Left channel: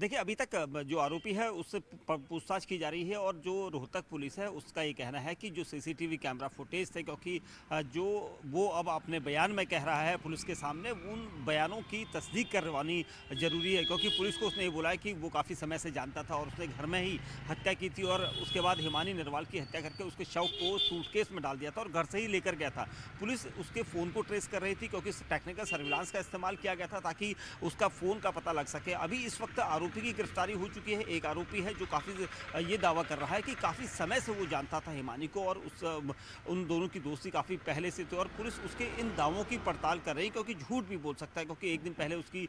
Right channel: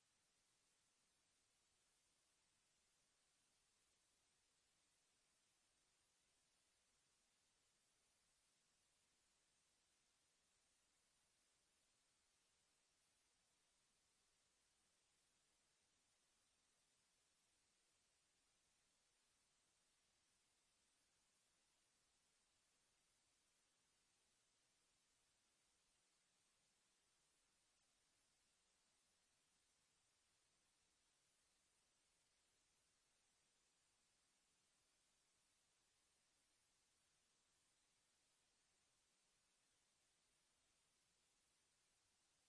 देखिए, अभी तक जो आरोपी है उससे पूछताछ की जा रही है और जो रोहतक पुलिस है उसका ये कहना है कि जो सीसीटीवी कैमरा फुटेज थे, क्योंकि जो वो अब अपने बयान में कह रहा है पुलिस के सामने, उन बयानों की तस्दीक करवानी ज़रूरी है, क्योंकि पुलिस को उसने ये बोला है कि वो काफ़ी समय से जानता था और उसने घर में ही हत्या की थी और उसके बाद हिमानी नरवाल की हत्या करके उसके शव को सूटकेस में डाल दिया था और घर से ही लेकर गया था। पुलिस उसके फ़ोन को ट्रेस कर रही थी, क्योंकि टेक्निकल सर्विलांस का इस्तेमाल किया गया था ताकि उसका फ़ोन का पता लग सके। अभी इस वक्त आरोपी की गिरफ्तारी हो चुकी है। एक आरोपी है जो काफ़ी ये दावा कर रहा है कि काफ़ी समय से वो जानता था हिमानी को और उन दोनों की दोस्ती काफ़ी पहले से थी और पुलिस उसके इन दावों की पड़ताल कर रही है, क्योंकि झूठ भी बोल सकता है, क्योंकि एक दिन पहले उसकी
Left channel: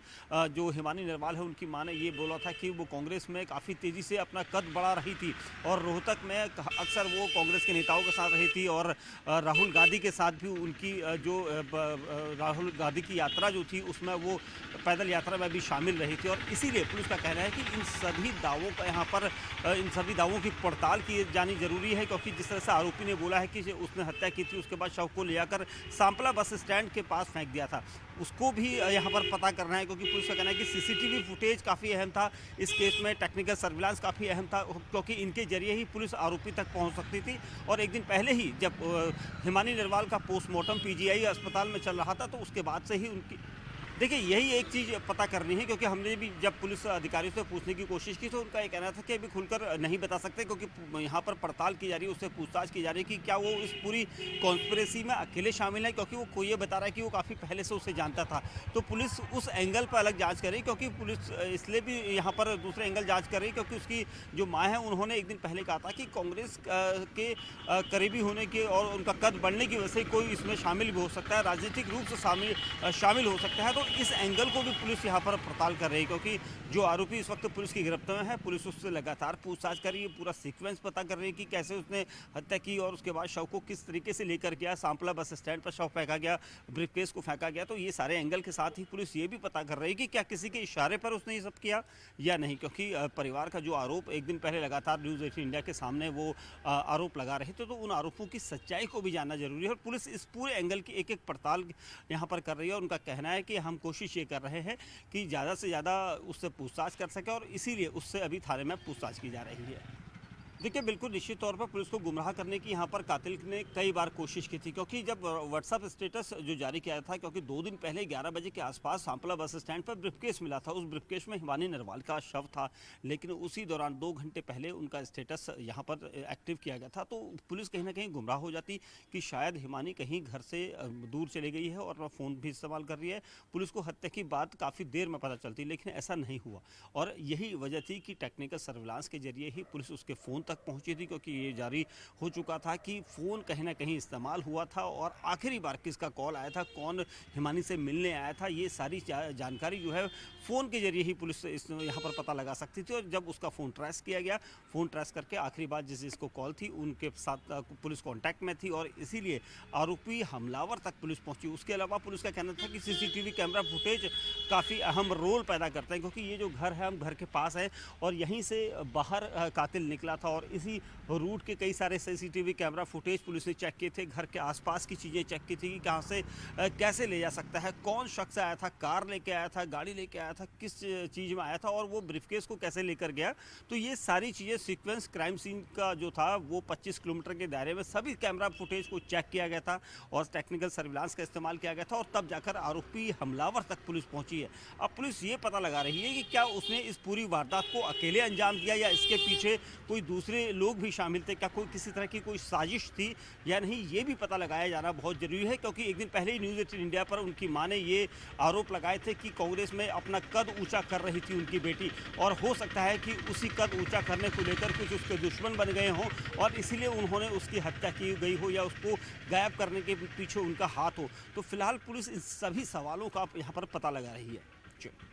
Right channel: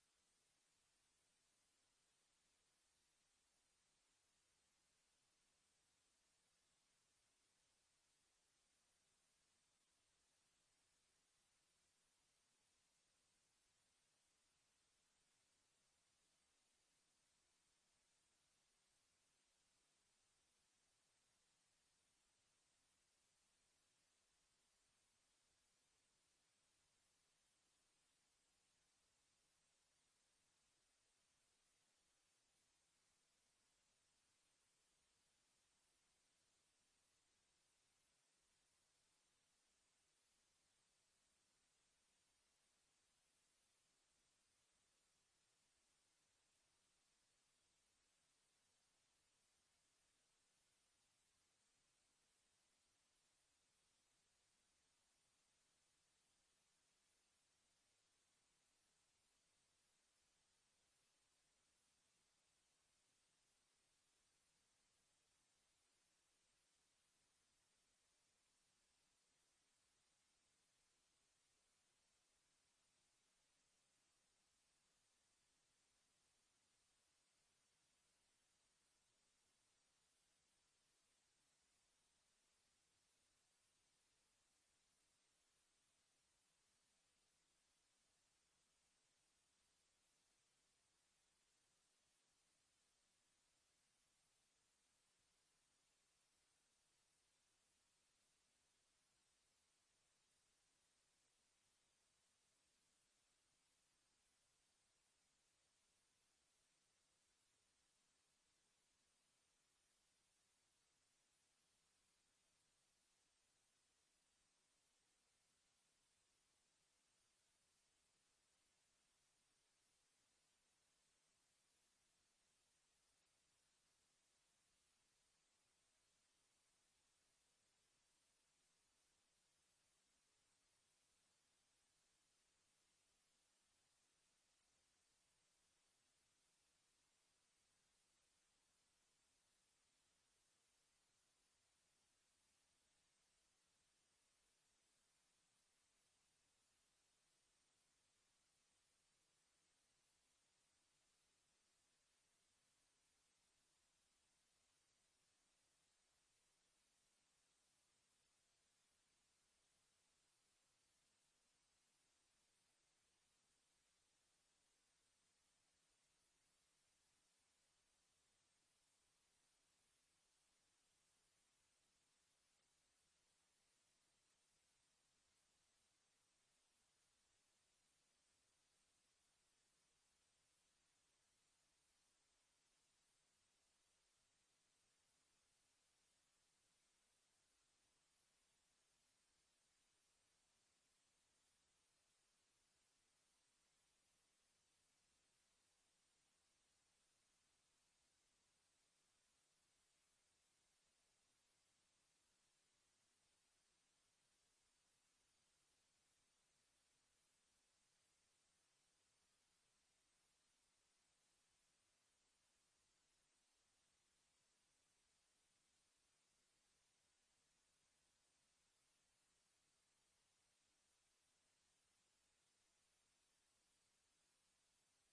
जो हिमानी नरवाल है उनकी माँ ने ये बोला था कि वो कांग्रेस में काफ़ी तेज़ी से अपना कद बढ़ा रही थी और रोहतक में अक्सर वो कांग्रेस के नेताओं के साथ रही थी और राहुल गांधी के साथ भी उनकी राहुल गांधी की यात्रा जो थी उसमें वो पैदल यात्रा में भी शामिल रही थी और इसीलिए पुलिस का कहना है कि इन सभी दावों का यहाँ पर इन सभी दावों की पड़ताल की जानी जरूरी है, क्योंकि जिस तरह से आरोपी ने बोला है कि उसने हत्या की थी, उसके बाद शव को ले जाकर सांपला बस स्टैंड के पास फेंक दिया था, उसको भी यहाँ पर पता करना है, क्योंकि पुलिस का कहना है कि सीसीटीवी फुटेज काफ़ी अहम था इस केस में, टेक्निकल सर्विलांस काफ़ी अहम था, क्योंकि इनके जरिए ही पुलिस आरोपी तक पहुँच सकती थी। और एक दिन पहले ही जब हिमानी नरवाल का पोस्टमार्टम पीजीआई अस्पताल में चल रहा था, तो उसके बाद से ही उनकी, देखिए यही एक चीज़ पता करनी है, क्योंकि हमने भी जब पुलिस अधिकारियों से पूछने की कोशिश की तो उनका ये कहना था कि अभी खुलकर नहीं बता सकते, क्योंकि यहाँ पर पड़ताल की जा रही है, उससे पूछताछ की जा रही है कि क्या वो इस पूरी कॉन्स्पिरेसी में अकेले शामिल है, क्योंकि वो ये बता रहा है कि वो काफ़ी पहले से उसे जानता था। तो पुलिस उस एंगल पर अलग जाँच कर रही है, क्योंकि पुलिस इसलिए भी यहाँ पर दूसरे एंगल जाँच कर रही है, क्योंकि उसकी जो माँ है उन्होंने एक दिन पहले कहा था कि कांग्रेस के करीबी होने के और उनका कद बढ़ने की वजह से कोई इसमें शामिल भी हो सकता है, राजनीतिक रूप से शामिल हो सकता है। तो इस एंगल को भी पुलिस यहाँ पर पड़ताल कर रही है, क्योंकि जो आरोपी इस वक्त पुलिस की गिरफ्त में है, पुलिस उससे लगातार पूछताछ कर रही है, पूरा सीक्वेंस पता कर रही है कि कैसे उसने हत्या की और उसके बाद शव को किस तरीके से लेकर गया, सांपला बस स्टैंड पर शव फेंका गया, ब्रीफकेस को फेंका गया। तो ये सारे एंगल के साथ ही पुलिस ये भी पता कर रही है कि क्या किसी के इशारे पर उसने ये सब किया या नहीं, क्योंकि परिवार का जो आरोप एक दिन पहले लगातार न्यूज़ 18 इंडिया के सामने वो आरोप लगा रहे थे, तो उन आरोपों की सच्चाई को भी जानना जरूरी है और पुलिस इस पूरे एंगल की एक एक पड़ताल यहाँ पर कर रही है। और उनका कहना है कि हम कोशिश ये कर रहे हैं कि ज़्यादा से ज़्यादा उससे पूछताछ कर सके और इसीलिए उससे अभी थाने में पूछताछ की जा रही है। देखिए, बिल्कुल निश्चित तौर पर पुलिस को गुमराह करने की यहाँ पर कातिल ने कई बार कोशिश की थी, क्योंकि जब व्हाट्सएप स्टेटस जो जारी किया था, क्योंकि 2 दिन पहले 11 बजे के आसपास सांपला बस स्टैंड पर ब्रीफकेस मिला था, उस ब्रीफकेस में हिमानी नरवाल का शव था, लेकिन उसी दौरान 2 घंटे पहले उनका स्टेटस यहाँ पर एक्टिव किया गया था। तो पुलिस कहीं ना कहीं गुमराह हो जाती कि शायद हिमानी कहीं घर से दूर चली गई है और फ़ोन भी इस्तेमाल कर रही है। पुलिस को हत्या की बात काफ़ी देर में पता चलती, लेकिन ऐसा नहीं हुआ और यही वजह थी कि टेक्निकल सर्विलांस के जरिए ही पुलिस उसके फ़ोन तक पहुंची थी, क्योंकि ये जारी हो चुका था कि फ़ोन कहीं ना कहीं इस्तेमाल हुआ था और आखिरी बार किसका कॉल आया था, कौन हिमानी से मिलने आया था, ये सारी जानकारी जो है फ़ोन के जरिए ही पुलिस यहाँ पर पता लगा सकती थी। और जब उसका फ़ोन ट्रेस किया गया, फ़ोन ट्रेस करके आखिरी बार जिसको कॉल थी उनके साथ पुलिस कॉन्टैक्ट में थी और इसीलिए आरोपी हमलावर तक पुलिस पहुंची। उसके अलावा पुलिस का कहना था कि सीसीटीवी कैमरा फुटेज काफ़ी अहम रोल पैदा करते हैं, क्योंकि ये जो घर है हम घर के पास है और यहीं से बाहर कातिल निकला था और इसी रूट के कई सारे सीसीटीवी कैमरा फुटेज पुलिस ने चेक किए थे, घर के आसपास की चीज़ें चेक की थी कि कहाँ से कैसे ले जा सकता है, कौन शख्स आया था, कार लेके आया था, गाड़ी लेके आया था, किस चीज़ में आया था और वो ब्रीफकेस को कैसे लेकर गया। तो ये सारी चीज़ें सीक्वेंस क्राइम सीन का जो था वो 25 किलोमीटर के दायरे में सभी कैमरा फुटेज को चेक किया गया था और टेक्निकल सर्विलांस का इस्तेमाल किया गया था और तब जाकर आरोपी हमलावर तक पुलिस पहुंची है। अब पुलिस ये पता लगा रही है कि क्या उसने इस पूरी वारदात को अकेले अंजाम दिया या इसके पीछे कोई दूसरे लोग भी शामिल थे, क्या कोई किसी तरह की कोई साजिश थी या नहीं, ये भी पता लगाया जाना बहुत ज़रूरी है। क्योंकि एक दिन पहले ही न्यूज़ 18 इंडिया पर उनकी मां ने ये आरोप लगाए थे कि कांग्रेस में अपना कद ऊंचा कर रही थी उनकी बेटी और हो सकता है कि उसी कद ऊंचा करने को लेकर कुछ उसके दुश्मन बन गए हों और इसीलिए उन्होंने उसकी हत्या की गई हो या उसको गायब करने के पीछे उनका हाथ हो। तो फिलहाल पुलिस इन सभी सवालों का यहाँ पर पता लगा रही है।